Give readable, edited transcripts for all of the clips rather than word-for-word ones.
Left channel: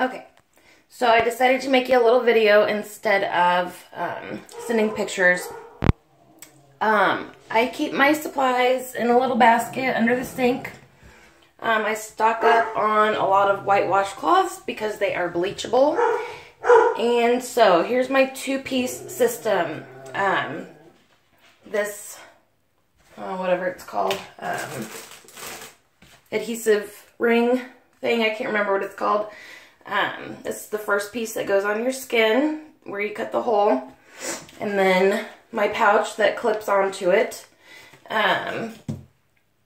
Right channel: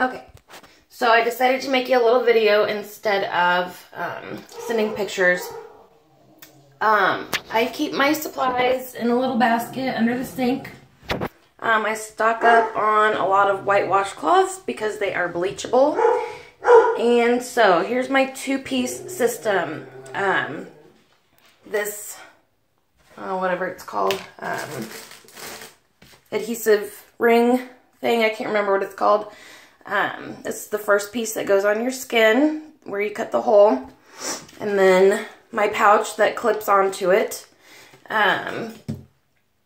Okay, so I decided to make you a little video instead of sending pictures. I keep my supplies in a little basket under the sink. I stock up on a lot of white washcloths because they are bleachable. And so here's my two-piece system. This, whatever it's called, adhesive ring thing, I can't remember what it's called. It's the first piece that goes on your skin where you cut the hole. And then my pouch that clips onto it.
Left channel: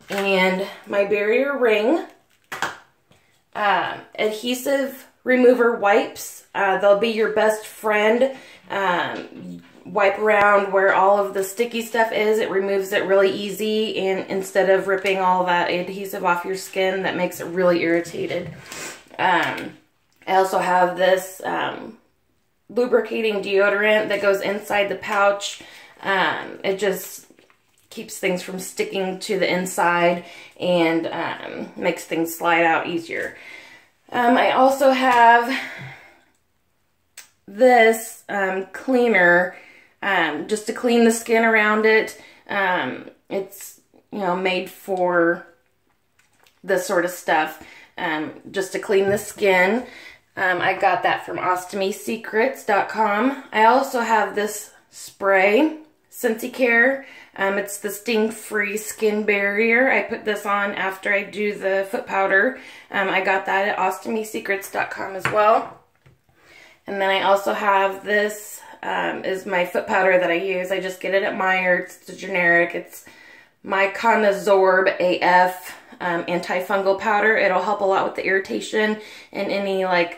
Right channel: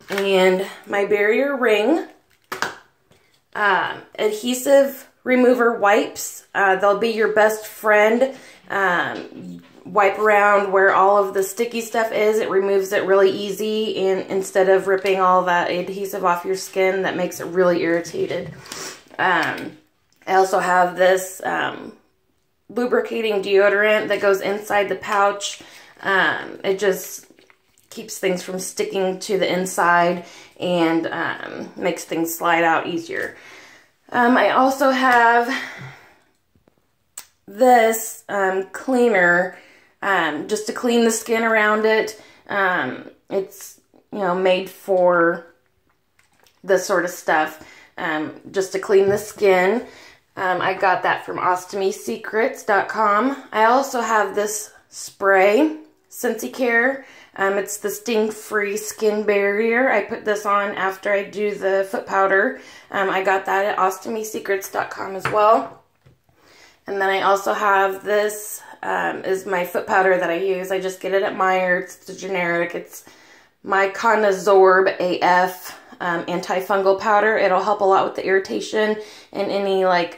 And my barrier ring. Adhesive remover wipes. They'll be your best friend. Wipe around where all of the sticky stuff is. It removes it really easy, and instead of ripping all that adhesive off your skin, that makes it really irritated. I also have this lubricating deodorant that goes inside the pouch. It just keeps things from sticking to the inside and makes things slide out easier. I also have this cleaner just to clean the skin around it. It's, you know, made for this sort of stuff, just to clean the skin. I got that from ostomysecrets.com. I also have this spray, Sensi-Care. It's the sting-free skin barrier. I put this on after I do the foot powder. I got that at ostomysecrets.com as well. And then I also have this, is my foot powder that I use. I just get it at Meijer's. It's a generic. It's Myconazorb AF. Antifungal powder. It'll help a lot with the irritation and any like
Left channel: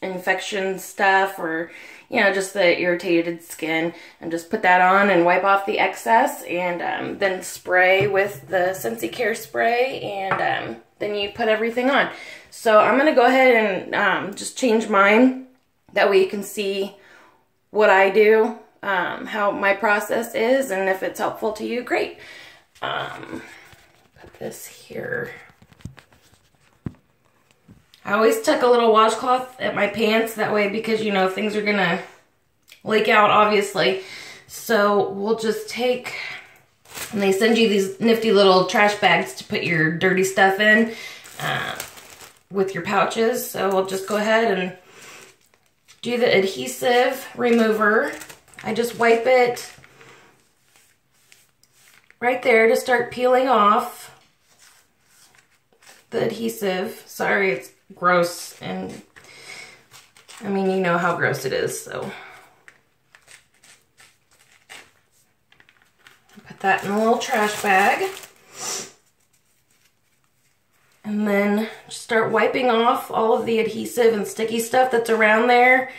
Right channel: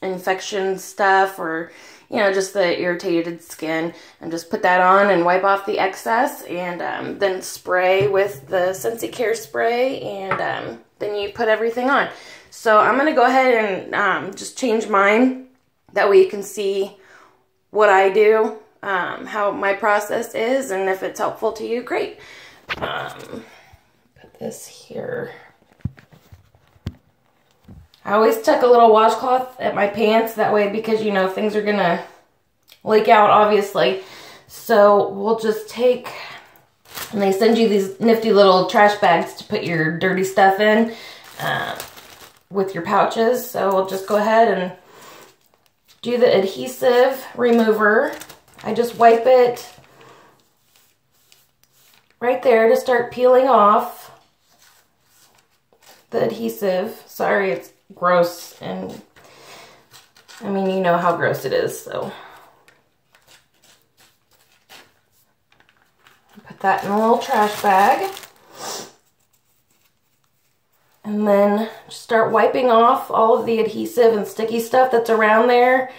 infection stuff, or you know, just the irritated skin. And just put that on and wipe off the excess, and then spray with the Sensi-Care spray, and then you put everything on. So I'm gonna go ahead and just change mine. That way you can see what I do, how my process is, and if it's helpful to you, great. This here. I always tuck a little washcloth at my pants, that way, because you know things are gonna leak out, obviously. So we'll just take, and they send you these nifty little trash bags to put your dirty stuff in with your pouches. So we'll just go ahead and do the adhesive remover. I just wipe it right there to start peeling off the adhesive. Sorry, it's gross, and I mean, you know how gross it is, so. Put that in a little trash bag. And then start wiping off all of the adhesive and sticky stuff that's around there.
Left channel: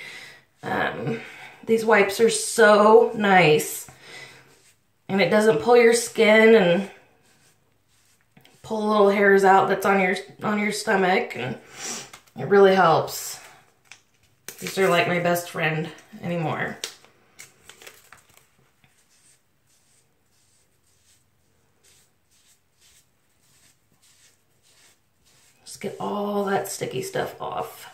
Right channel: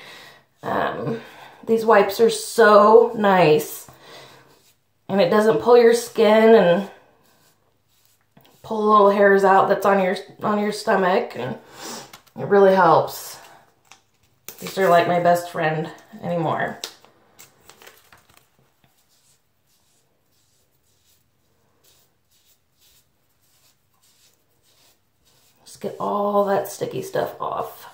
These wipes are so nice. And it doesn't pull your skin and pull little hairs out that's on your stomach, and it really helps. These are like my best friend anymore. Just get all that sticky stuff off.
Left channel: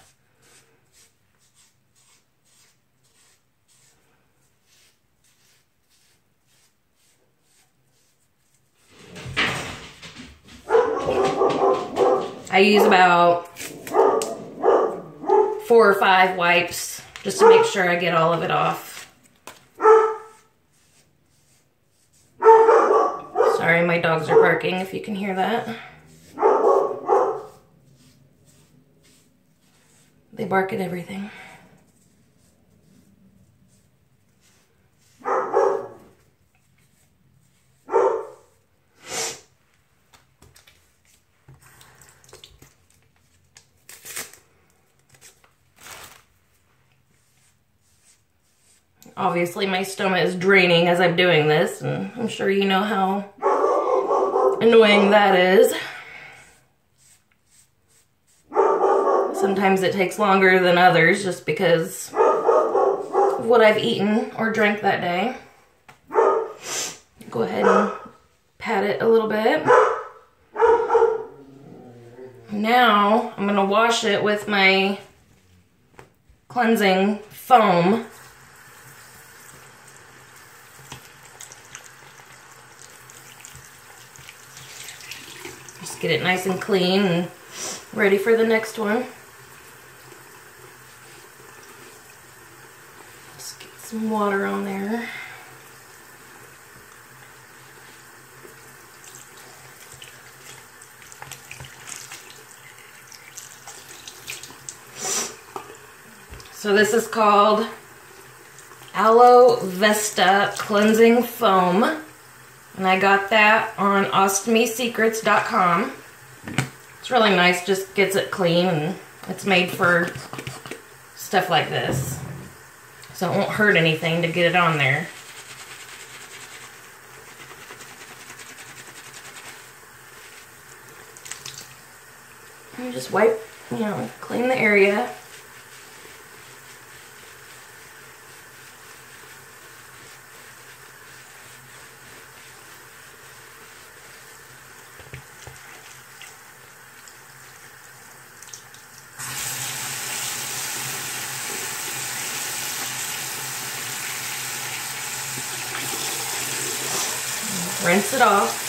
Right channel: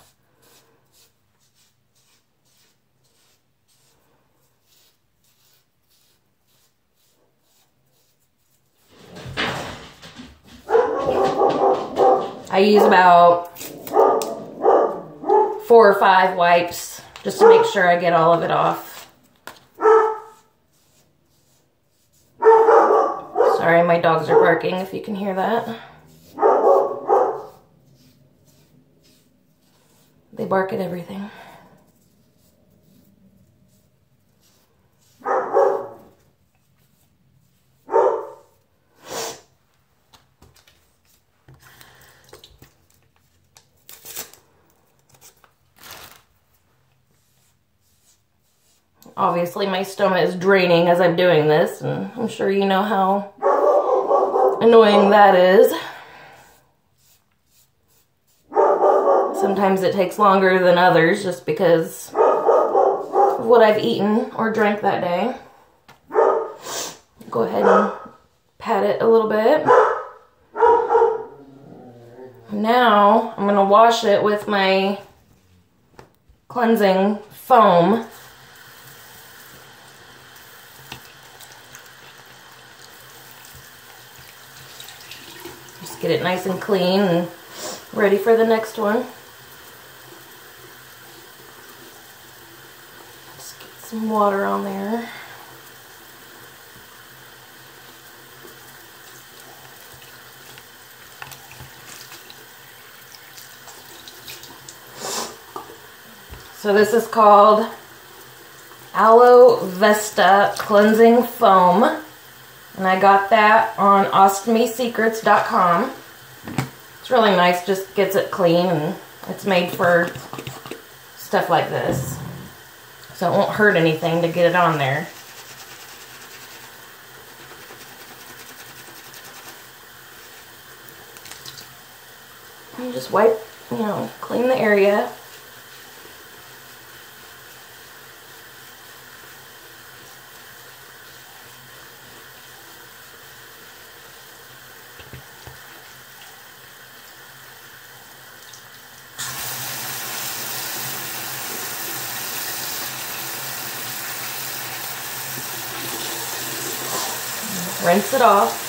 I use about 4 or 5 wipes just to make sure I get all of it off. Sorry, my dogs are barking, if you can hear that. They bark at everything. Obviously, my stoma is draining as I'm doing this, and I'm sure you know how annoying that is. Sometimes it takes longer than others just because of what I've eaten or drank that day. Go ahead and pat it a little bit. Now I'm going to wash it with my cleansing foam. Just get it nice and clean and ready for the next one. Just get some water on there. So this is called Aloe Vesta Cleansing Foam, and I got that on ostomysecrets.com. It's really nice, just gets it clean, and it's made for stuff like this. So it won't hurt anything to get it on there. You just wipe, clean the area. Rinse it off.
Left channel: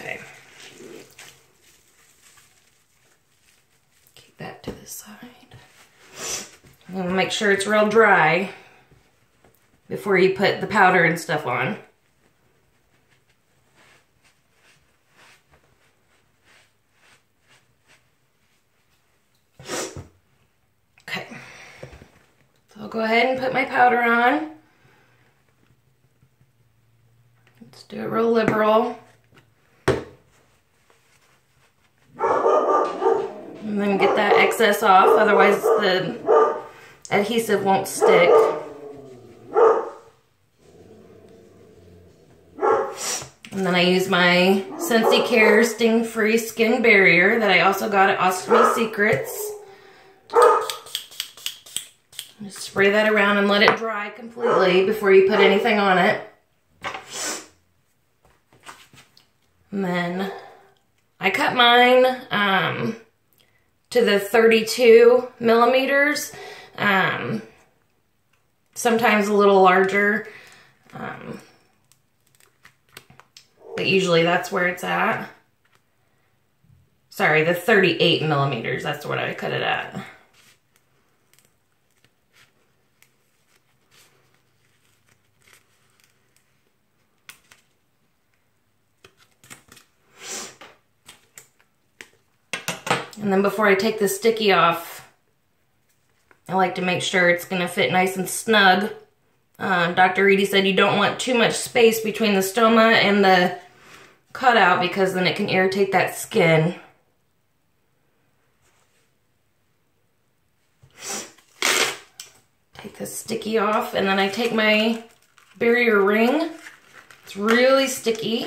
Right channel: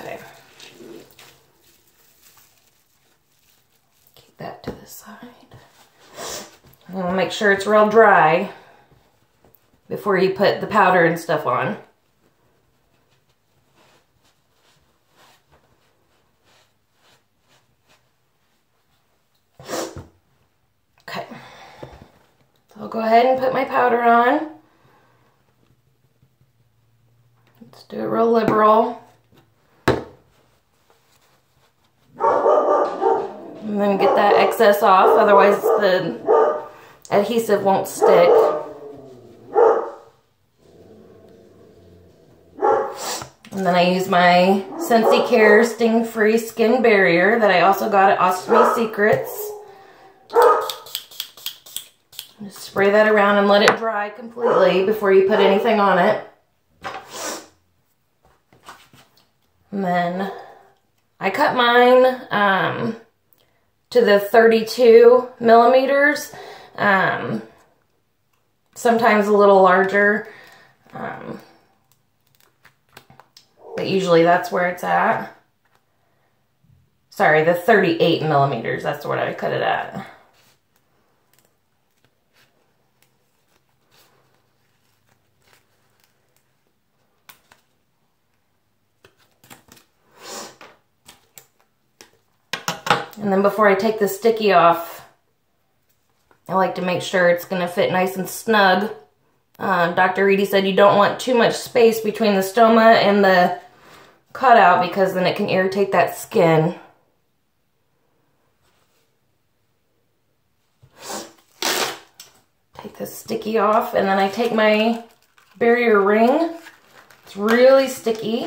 Okay. Keep that to the side. And we'll make sure it's real dry before you put the powder and stuff on. Okay, so I'll go ahead and put my powder on. Let's do it real liberal. And then get that excess off, otherwise the adhesive won't stick. And then I use my Sensi Care Sting-Free Skin Barrier that I also got at Ostomy Secrets. Just spray that around and let it dry completely before you put anything on it. And then I cut mine to the 32 millimeters, sometimes a little larger, but usually that's where it's at. Sorry, the 38 millimeters, that's what I cut it at. And then before I take the sticky off, I like to make sure it's going to fit nice and snug. Dr. Reedy said you don't want too much space between the stoma and the cutout because then it can irritate that skin. Take the sticky off, and then I take my barrier ring. It's really sticky.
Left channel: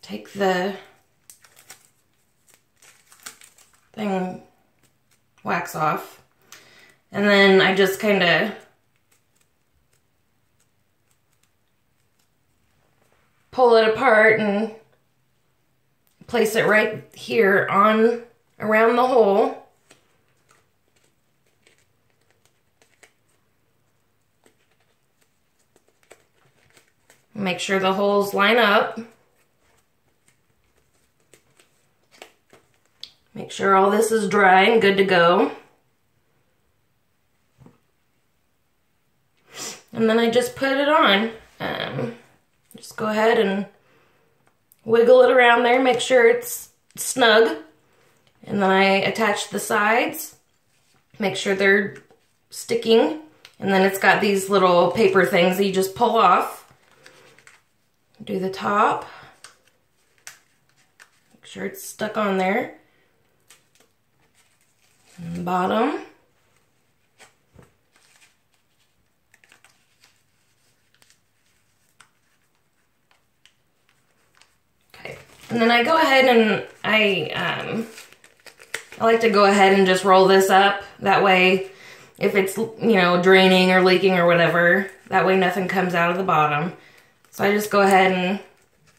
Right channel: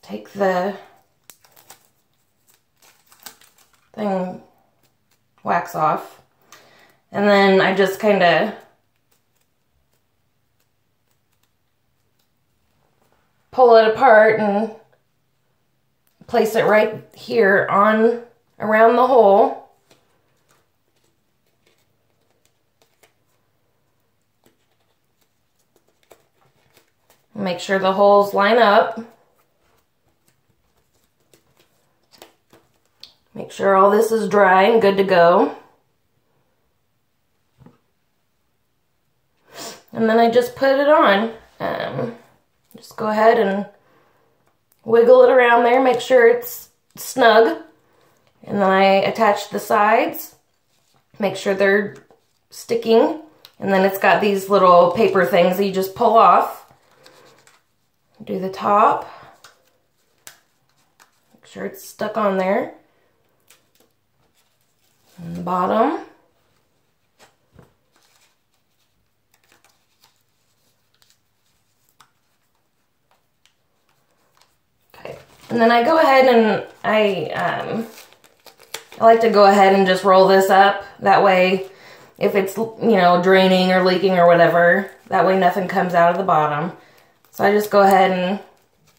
Take the thing wax off, and then I just kind of pull it apart and place it right here on around the hole. Make sure the holes line up. Make sure all this is dry and good to go. And then I just put it on. Just go ahead and wiggle it around there, make sure it's snug. And then I attach the sides, make sure they're sticking. And then it's got these little paper things that you just pull off. Do the top. Make sure it's stuck on there. And the bottom. Okay, and then I go ahead and I I like to go ahead and just roll this up. That way, if it's, draining or leaking or whatever, that way nothing comes out of the bottom. So I just go ahead and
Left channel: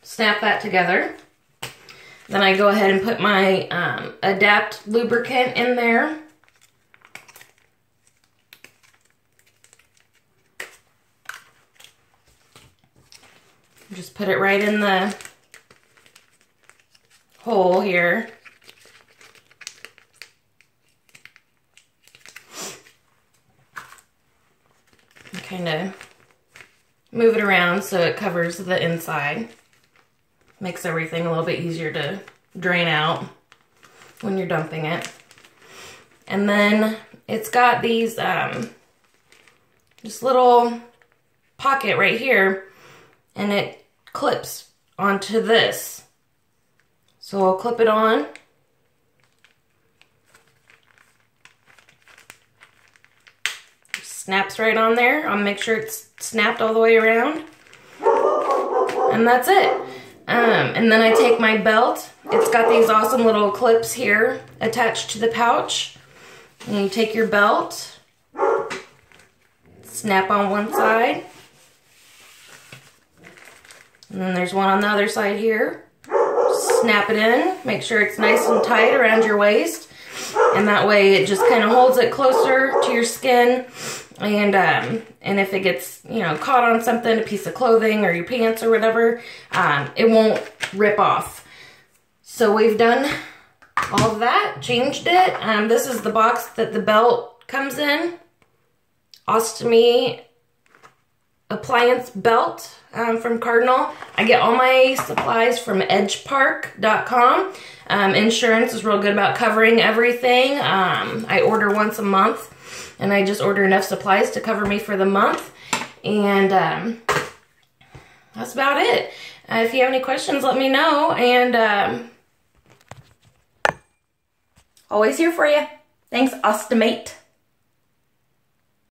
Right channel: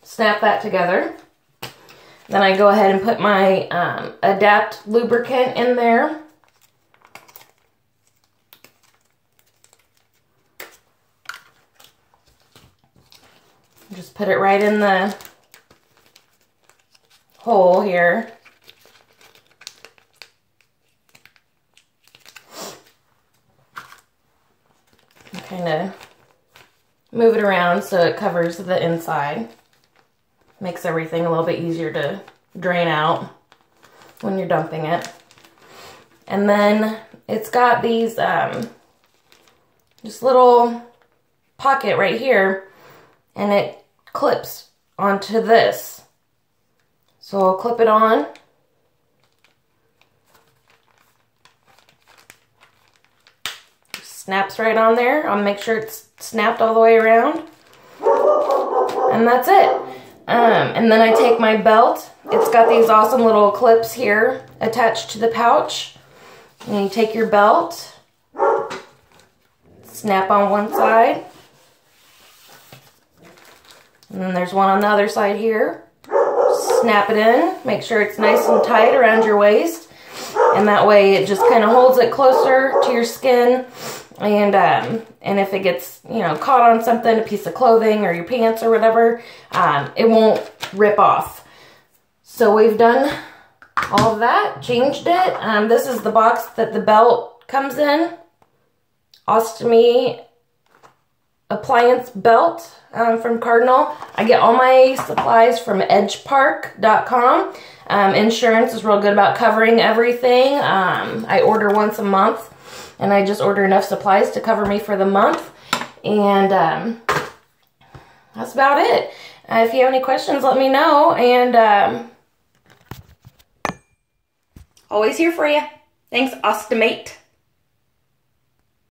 snap that together. Then I go ahead and put my Adapt lubricant in there. Just put it right in the hole here. Kind of move it around so it covers the inside. Makes everything a little bit easier to drain out when you're dumping it. And then it's got these just little pocket right here, and it clips onto this. So I'll clip it on. Snaps right on there. I'll make sure it's snapped all the way around. And that's it. And then I take my belt. It's got these awesome little clips here attached to the pouch. And you take your belt, snap on one side. And then there's one on the other side here. Snap it in. Make sure it's nice and tight around your waist. And that way it just kind of holds it closer to your skin. And if it gets, caught on something, a piece of clothing or your pants or whatever, it won't rip off. So we've done all of that, changed it. This is the box that the belt comes in. Ostomy appliance belt from Cardinal. I get all my supplies from edgepark.com. Insurance is real good about covering everything. I order once a month, and I just order enough supplies to cover me for the month. And that's about it. If you have any questions, let me know. And always here for you. Thanks, Ostomate.